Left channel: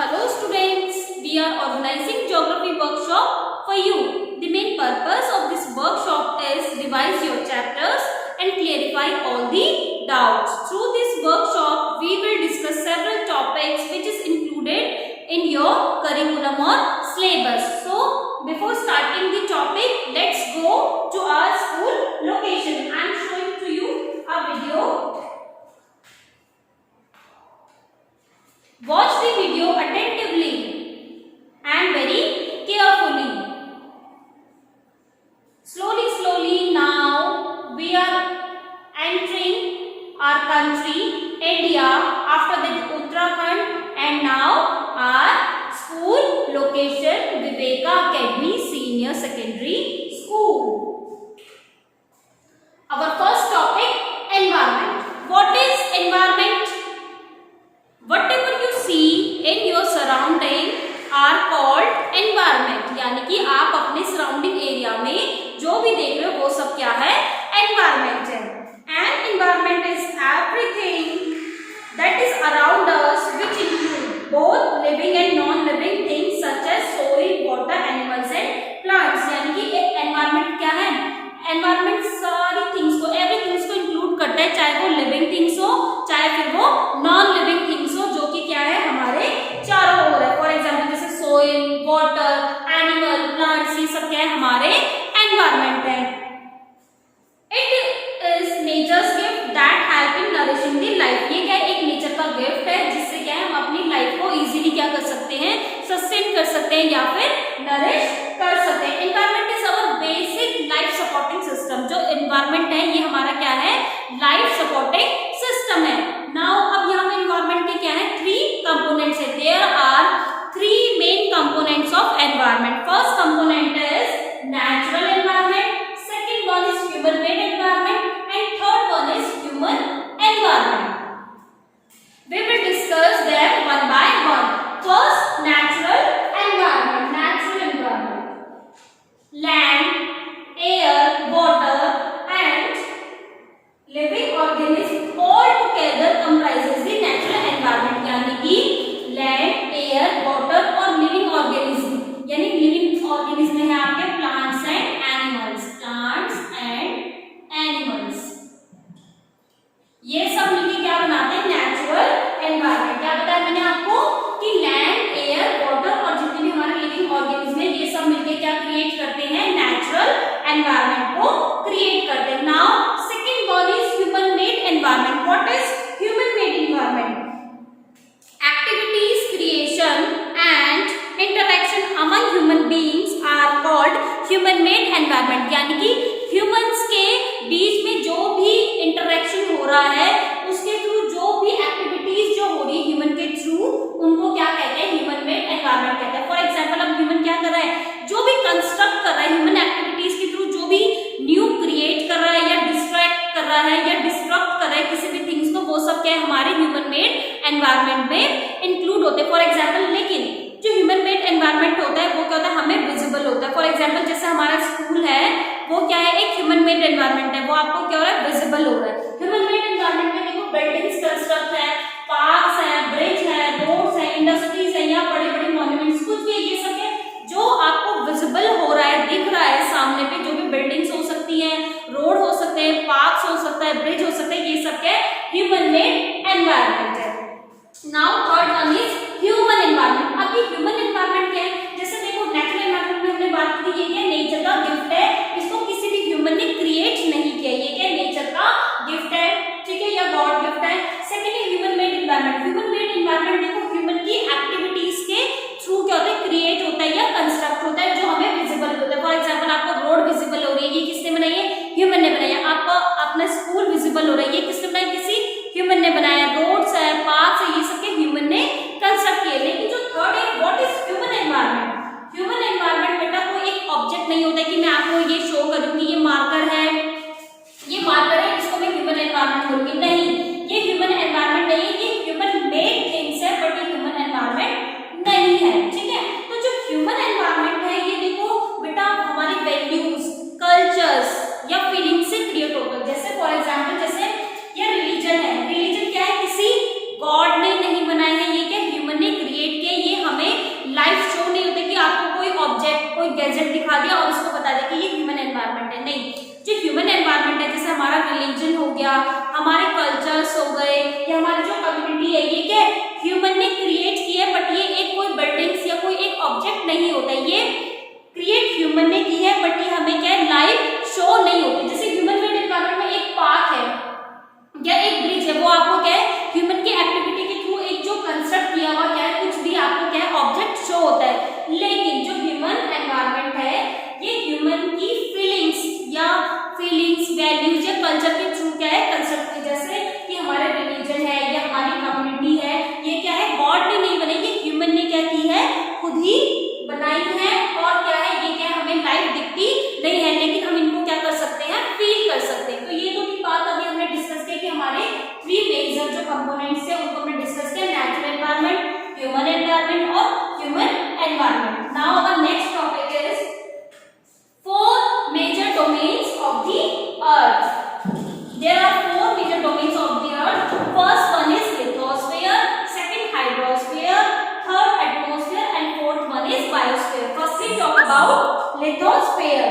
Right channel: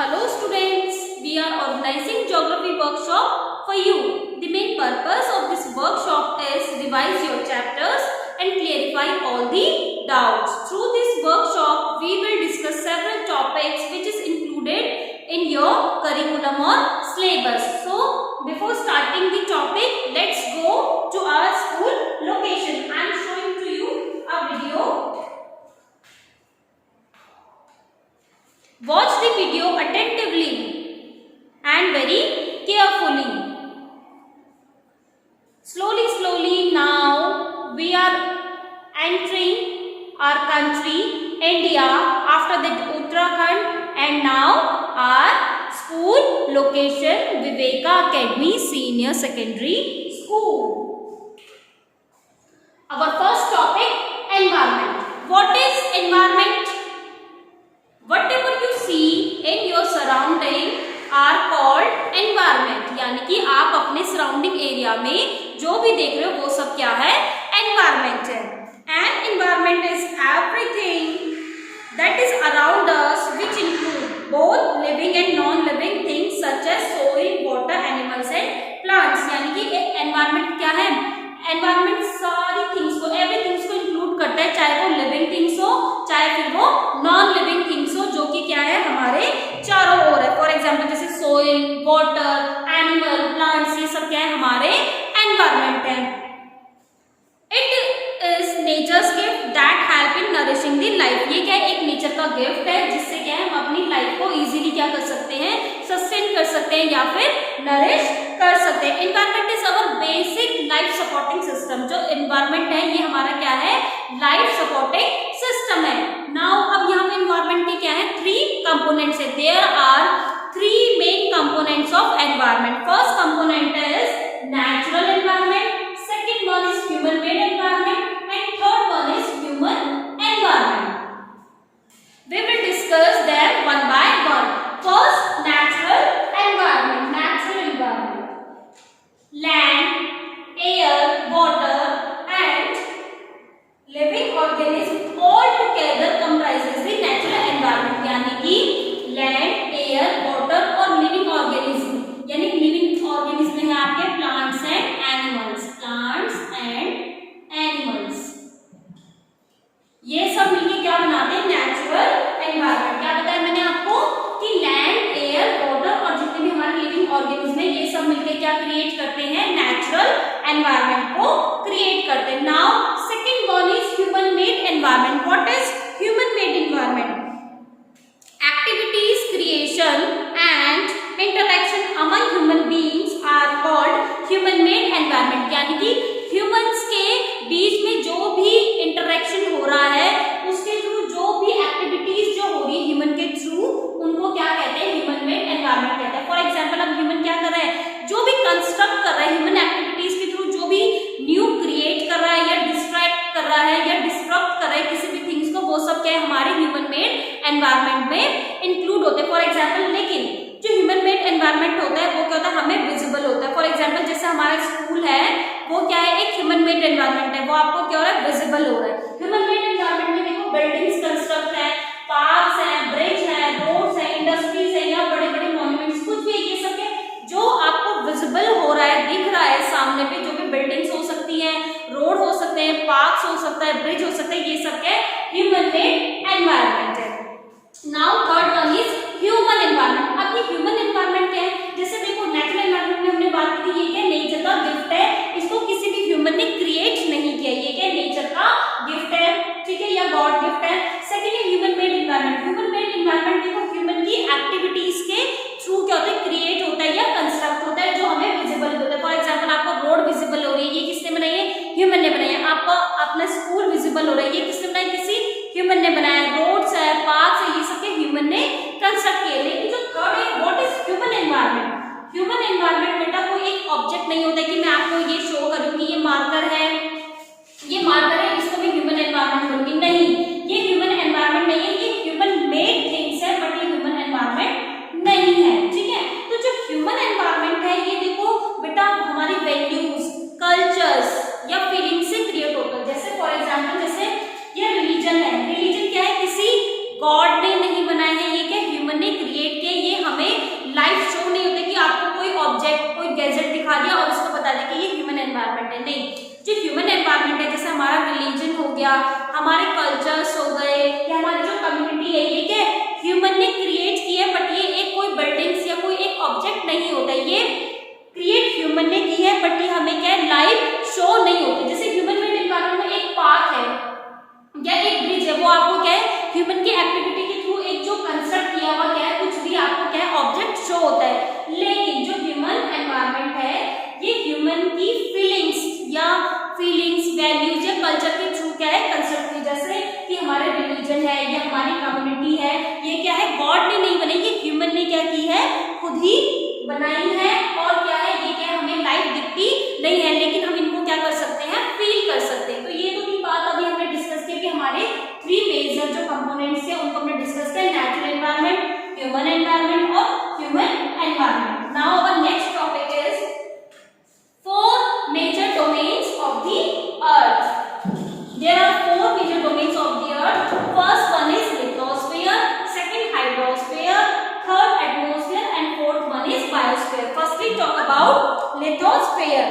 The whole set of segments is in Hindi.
Hello students, we are organizing geography workshop for you. The main purpose of this workshop is revise your chapters and clarify all the doubts. Through this workshop, we will discuss several topics which is included in your curriculum or syllabus. So, before starting the topic, let's go to our school location. I am showing to you a video. Watch the video attentively and very carefully. Slowly now we are entering our country, India, after that Uttarakhand, and now our school location, Viveka Academy Senior Secondary School. Our first topic, environment. What is environment? Whatever you see in your surrounding are called environment. यानी कि आप अपने सराउंडिंग एरिया में जो भी देख रहे हो वो सब क्या है? Environment है. And environment is everything that is around us, which include both living and non-living things such as soil, water, animals and plants. यानी कि environment क्या है? Environment सारी things को, everything को include करता है, चाहे वो living things हो, चाहे फिर वो non-living things हो, जो कि क्या है हमारे चारों ओर है. फॉर एग्जाम्पल जैसे सोइल, वाटर, एनिमल, प्लांट्स, ये सब क्या है हमारे एनवायरमेंट है. It is nature's gift that help in nourishing the life. ये क्या है? एक नेचर का गिफ्ट है जिससे क्या है हम अपनी लाइफ को इजीली क्या कर सकते हैं? सस्टेन कर सकते हैं या फिर नरिश कर सकते हैं. Environment is our basic life supporting system. जो एनवायरमेंट है ये हमारा क्या है? लाइफ सपोर्टिंग सिस्टम है. नाउ अब यहाँ पे एनवायरमेंट के क्या है? 3 कंपोनेंट्स है. There are 3 main components of environment. First component is natural environment, second one is human made environment and third one is human environment. We will discuss them one by one. First, natural environment. Natural environment. Land, air, water, and living organisms all together comprises the natural environment. यानी कि land, air, water और living organism. यानी living organism है आपके plants and animals. Plants and animals. ये सब मिलके क्या बनाते हैं? Natural environment. क्या बताया मैंने आपको कि लैंड, एयर, वाटर और जितने भी हमारे लिविंग ऑर्गेनिज्म है ये सब मिलके क्या क्रिएट करते हैं? नेचुरल एनवायरनमेंट को क्रिएट करते हैं. Now second one is human made environment. What is human made environment? Activities, creation and interaction among human beings are called human made environment. यानी कि ह्यूमंस के बीच में जो भी इंटरेक्शन हो रहा है उसके थ्रू जो भी एक्टिविटीज जो हो रही है ह्यूमन के थ्रू उनको क्या कहते हैं? ह्यूमन मेड एनवायरनमेंट कहते हैं. फॉर एग्जांपल अब ह्यूमन क्या कर रहा है? जो भी कंस्ट्रक्ट कर रहा है ह्यूमन एक्टिविटीज के थ्रू, जो भी न्यू क्रिएट कर रहा है या डिस्ट्रैक्ट कर रहा है या डिस्ट्रक्ट कर रहा है किसी भी थिंग्स को, वो सब क्या है हमारे ह्यूमन मेड एनवायरनमेंट में इंक्लूड होते हैं. फॉर एग्जाम्पल लेकिन जो ह्यूमन मेड एनवायरनमेंट होता है वो क्या होता है? हमें विजिबल होता है. फॉर एग्जाम्पल जैसे हमारा स्कूल है वो क्या है? एक ह्यूमन मेड एनवायरनमेंट है. वो आपको क्या हो रहा है? विजिबल हो रहा है. ह्यूमन मेड एनवायरनमेंट में देखो बिल्डिंग्स कंस्ट्रक्ट है, पार्क्स है, ब्रिज है, रोड्स है, इंडस्ट्रीज है या बड़े बड़े मॉन्यूमेंट्स, कुछ भी ये सब है जो आपको विजिबल हो रहा है, दिख रहा है सामने पे. जो भी बिल्डिंग्स हो सकती हैं, रोड हो सकते हैं, पार्क्स हो सकता है, ब्रिज हो सकता है, ये सब क्या ह्यूमन मेड एनवायरनमेंट है. Now third one is human environment. अब ये ह्यूमन एनवायरनमेंट क्या है? जैसे देखो नेचुरल एनवायरनमेंट में हमने बात की, ये क्या नेचर का गिफ्ट है. इसको किसी भी ह्यूमन ने क्रिएट नहीं किया. ये क्या नेचर का गिफ्ट है, ठीक है, या गॉड गिफ्ट है. सेकंड है human made environment. Human made environment देखो ह्यूमन की एक्टिविटीज के थ्रू क्या होता है? क्रिएट होता है या कंस्ट्रक्ट होता है जो हमें विजिबल होता है. फॉर एग्जाम्पल आपको रोड विजिबल हो रही है, ये किसने बनाई है? ह्यूमन ने बनाई है. आपको अपना स्कूल विजिबल हो रहा है, ये किसने बनाया? किसी ह्यूमन ने बनाया. रोड्स है, पार्क्स है, ये सब के ह्यूमन ने कंस्ट्रक्ट किए. लेकिन जो थर्ड है what is human environment? Human environment बेटा कोई एक ऑब्जेक्ट नहीं होता कि मैं आपको ये शो करूंगी ये मार्कर है, ये मार्कर है, इसको मैं ह्यूमन एनवायरनमेंट बोलूंगी. नहीं, ये ह्यूमन एनवायरनमेंट नहीं है, ये ह्यूमन मेड थिंग्स है बट ये ह्यूमन एनवायरनमेंट नहीं है. ठीक है, तो जो ह्यूमन एनवायरनमेंट है ये देखो बेटा हमारी वैल्यूज, कल्चर्स या फीलिंग से क्रिएट होता है. जैसे फॉर एग्जाम्पल जैसे ये रिलीजन है. रिलीजन क्या है? किसी गॉड ने दिखा दिया और उसको बता दिया कि ये ह्यूमन एनवायरनमेंट है। नहीं, जो ह्यूमन एनवायरनमेंट है, जैसे हमारा रिलीजन हो गया, हमारे कल्चर्स हो गए, या हमारी जो कम्युनिटी है, ये क्या ह्यूमन ने क्रिएट किया है, बट ये एक कोई बिल्डिंग्स या कोई एक ऑब्जेक्ट नहीं होता, ये क्रिएट ह्यूमन ने की है, बट ये हमें क्या है लाइव शो नहीं होती। जैसे ह्यूमन मेड एनवायरनमेंट में एक पार्क है या एक ब्रिज है, वो आपको क्या है ह्यूमन की एक्टिविटी के थ्रू एक जो कंस्ट्रक्ट किया हुआ क्या है कुछ भी आपको क्या है ऑब्जेक्ट शो होता है। लेकिन जो ह्यूमन एनवायरनमेंट है ये ह्यूमन की फीलिंग्स वैल्यूज या कल्चर के थ्रू क्या है कंस्ट्रक्ट की। जैसे कि हमारे रिलीजन है या हमारी कम्युनिटी है, ये क्या है गॉड ने नहीं बनाई, ये ह्यूमन ने क्या की है खुद ही बनाई है। और क्या है ये क्या है हमें लाइव दिखती नहीं है, लेकिन हम इनको क्या कर सकते हैं फील कर सकते हैं। तो ये तो की बात अभी हमने डिस्कस किया कि हमारे 3 मेजर जो कंपोनेंट्स है उनको हमने डिस्कस किया, नेचुरल एनवायरनमेंट, ह्यूमन एनवायरनमेंट और human environment. Now our next topic is 4 major domains of the earth. There are 4 major domains of the earth. First one is lithosphere, second hydrosphere, third atmosphere and fourth one is biosphere. First we talk about lithosphere.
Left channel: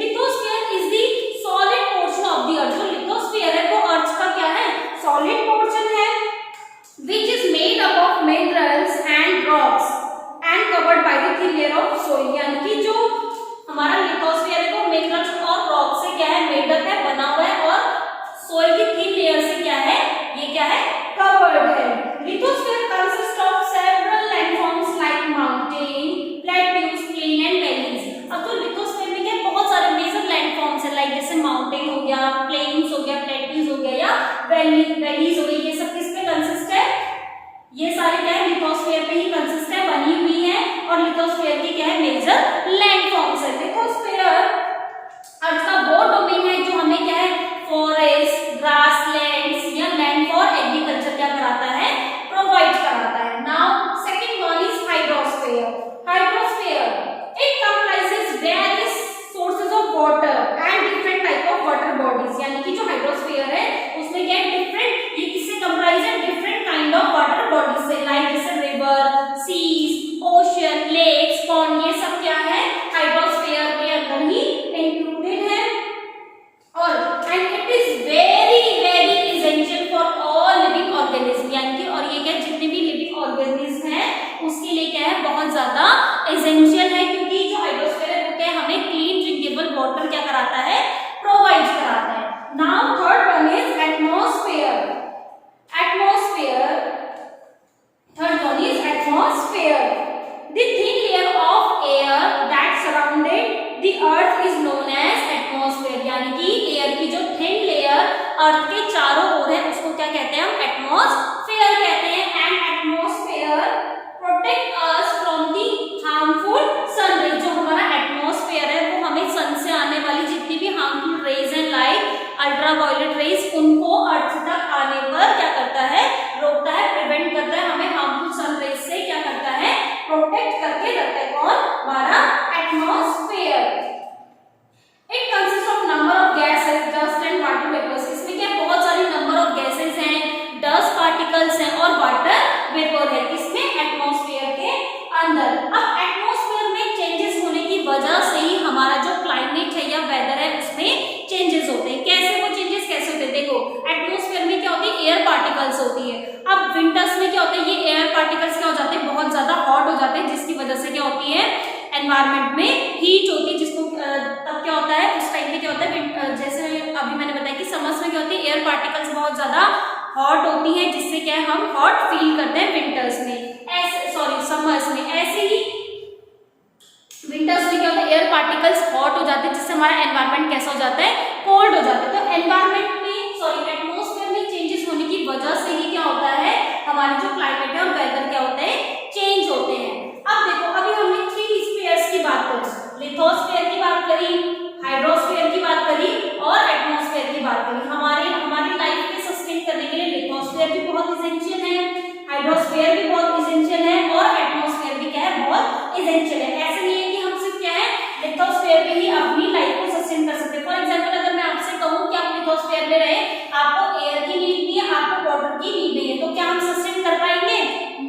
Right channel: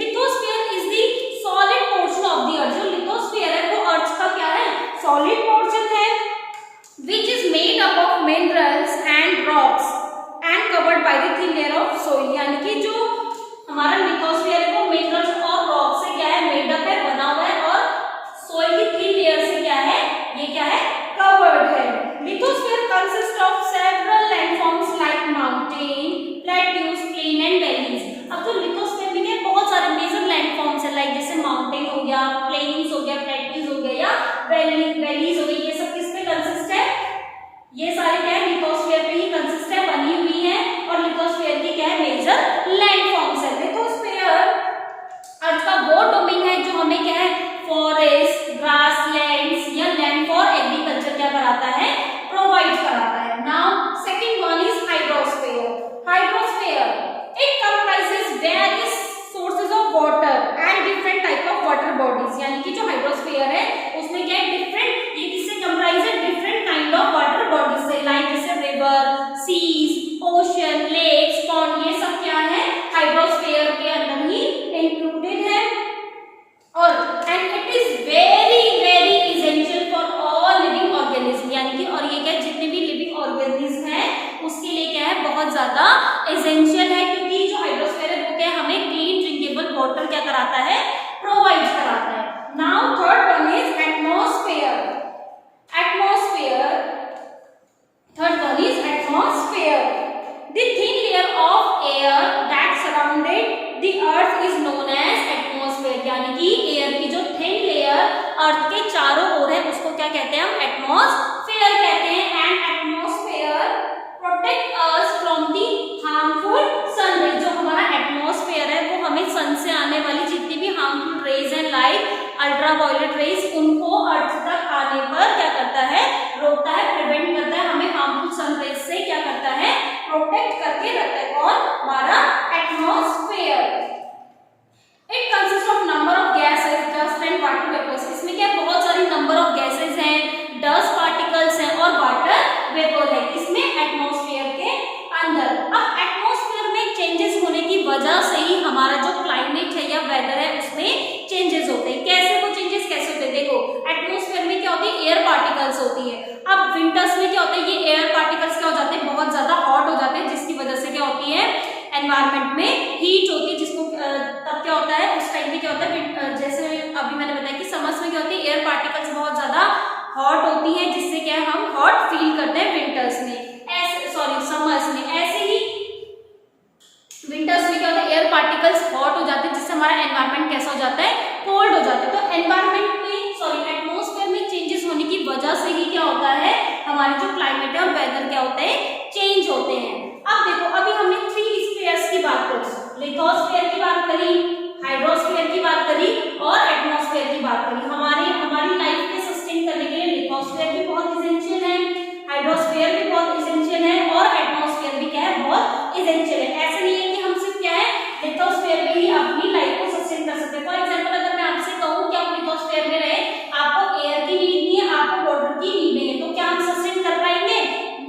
Lithosphere is the solid portion of the earth. जो lithosphere है वो अर्थ का क्या है solid portion है, which is made up of minerals and rocks and covered by the thin layer of soil. यानी कि जो हमारा लिथोस्फीयर है वो मिनरल्स और रॉक से क्या है मेडअप है, बना हुआ है, और सोइल की थिन लेयर से क्या है ये क्या है कवर्ड है। Lithosphere consist of several landforms like mountain, plateaus, plain and valleys. अब जो लिथोस्फीयर में क्या बहुत सारे मेजर लैंडफॉर्म्स है, लाइक जैसे माउंटेन हो गया, प्लेन्स हो गया, प्लेट्यूज हो गया या वैलीज हो गई, ये सब किस पे कंसिस्ट है, ये सारे क्या है लिथोस्फीयर पे ही कंसिस्ट है, बनी हुई है। और लिथोस्फीयर की क्या है मेजर लैंडफॉर्म्स है। लिथोस्फीयर अर्थ का वो डोमेन है जो हमें क्या है फॉरेस्ट, ग्रासलैंड्स या लैंड फॉर एग्रीकल्चर क्या कराता है प्रोवाइड कराता है। Now second one is hydrosphere. Hydrosphere it comprises various sources of water and different type of water bodies. यानी कि जो हाइड्रोस्फीयर है उसमें क्या है डिफरेंट, ये किससे कंप्राइज है different kind of water bodies से, लाइक जैसे river, seas, ocean, lakes, pond, ये सब क्या है हाइड्रोस्फीयर के अंदर ही इंक्लूडेड है। और and it is very very essential for all living organism. यानी कि और ये क्या जितने भी लिविंग ऑर्गेनिज्म हैं उसके लिए क्या है बहुत ज्यादा एसेंशियल है, क्योंकि जो हाइड्रोस्फीयर है वो क्या हमें क्लीन ड्रिंकेबल वाटर क्या कराता है प्रोवाइड कराता है। Now third one is atmosphere. Atmosphere third one is atmosphere. The thin layer of air that surrounded the earth is known as atmosphere. यानी कि एयर की जो thin layer अर्थ के चारों ओर है उसको क्या कहते हैं हम एटमॉस्फेयर कहते हैं। And atmosphere protect us from the harmful sun rays. जो हमारा एटमॉस्फेयर है वो हमें सन से आने वाली जितनी भी हार्मफुल रेज है लाइक अल्ट्रावायलेट रेज उनको अर्थ तक आने पर क्या करता है रोकता है, प्रिवेंट करता है, हमें हार्मफुल सन रेज से क्या करता है प्रोटेक्ट करके रखता है। कौन हमारा atmosphere. It consist of number of gases, dust and water vapours. इसमें क्या बहुत सारी नंबर ऑफ गैसेस हैं, डस्ट पार्टिकल्स हैं और वाटर वेपर है, किसमें एटमॉस्फेयर के अंदर। अब एटमॉस्फेयर में चेंजेस होने की वजह से ही हमारा जो क्लाइमेट है या वेदर है उसमें चेंजेस होते हैं। कैसे वो चेंजेस कैसे होते हैं देखो, एटमॉस्फेयर में क्या होती है एयर पार्टिकल्स होती है। अब विंटर्स में क्या होता है ये एयर पार्टिकल्स क्या हो जाते हैं बहुत ज्यादा हॉट हो जाते हैं, जिसकी वजह से क्या होती है एनवायरनमेंट में हीट होती है, जिसको तब क्या होता है उस टाइम में क्या होता है जैसे अभी मैंने बताया कि समर्स में क्या होती है एयर पार्टिकल्स बहुत ज्यादा हॉट होती है, जिससे क्या है हम हॉट फील करते हैं विंटर्स में, ऐसे सॉरी समर्स में। ऐसे ही विंटर्स में क्या होता है एयर पार्टिकल्स हॉट हो जाते हैं, जिससे हमारा एनवायरनमेंट कैसा हो जाता है कोल्ड हो जाता है। तो एनवायरनमेंट में सॉरी एटमॉस्फेयर में चेंजेस होने की वजह से ही क्या होता है हमारा जो क्लाइमेट है और वेदर क्या होते हैं चेंज होते हैं। अब देखो अभी हमने 3 स्फीयर्स की बात करी, लिथोस्फीयर की बात करी, हाइड्रोस्फीयर की बात करी और एटमॉस्फेयर की बात करी। हमारी लाइफ में सस्टेन करने के लिए लिथोस्फीयर भी बहुत एसेंशियल है, हाइड्रोस्फीयर भी बहुत एसेंशियल है और एटमॉस्फेयर भी क्या है बहुत एसेंशियल है। ऐसे नहीं है कि हम सिर्फ क्या है लिथोस्फीयर में ही अपनी लाइफ को सस्टेन कर सकते हैं। फॉर एग्जांपल अगर मैं आपसे कहूँ कि आप लिथोस्फीयर में रहे, आपको एयर की नीड नहीं है, आपको वाटर की नीड नहीं है, तो क्या हम सस्टेन कर पाएंगे?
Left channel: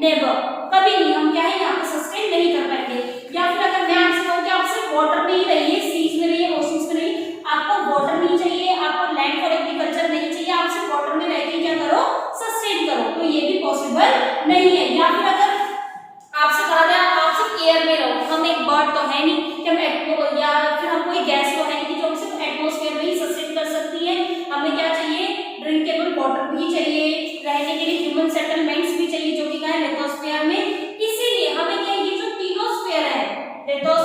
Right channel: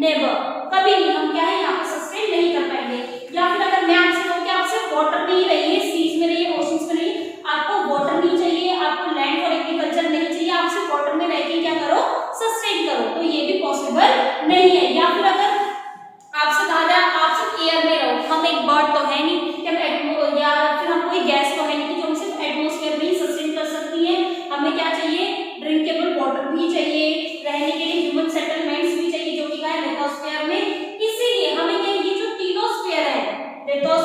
नेवर, कभी नहीं। हम क्या है यहाँ पे सस्टेन नहीं कर पाएंगे। या फिर अगर मैं आपसे कहूँ कि आप सिर्फ वाटर में ही रहिए, सीज में रहिए, ओशंस में रहिए, आपको वाटर नहीं चाहिए, आपको लैंड फॉर एग्रीकल्चर नहीं चाहिए, आप सिर्फ वाटर में रह के क्या करो, सस्टेन करो, तो ये भी पॉसिबल नहीं है। या फिर अगर आपसे कहा जाए आप सिर्फ एयर में रहो, हम एक बर्ड तो है नहीं कि हम या फिर हम कोई गैस तो है नहीं जो हम सिर्फ एटमॉस्फेयर में ही सस्टेन कर सकती है, हमें क्या चाहिए, ड्रिंकेबल वाटर भी चाहिए, रहने के लिए ह्यूमन सेटलमेंट्स भी चाहिए जो कि क्या है लिथोस्फीयर में। इसीलिए हमें क्या ये जो तीनों स्फीयर है, लिथोस्फीयर,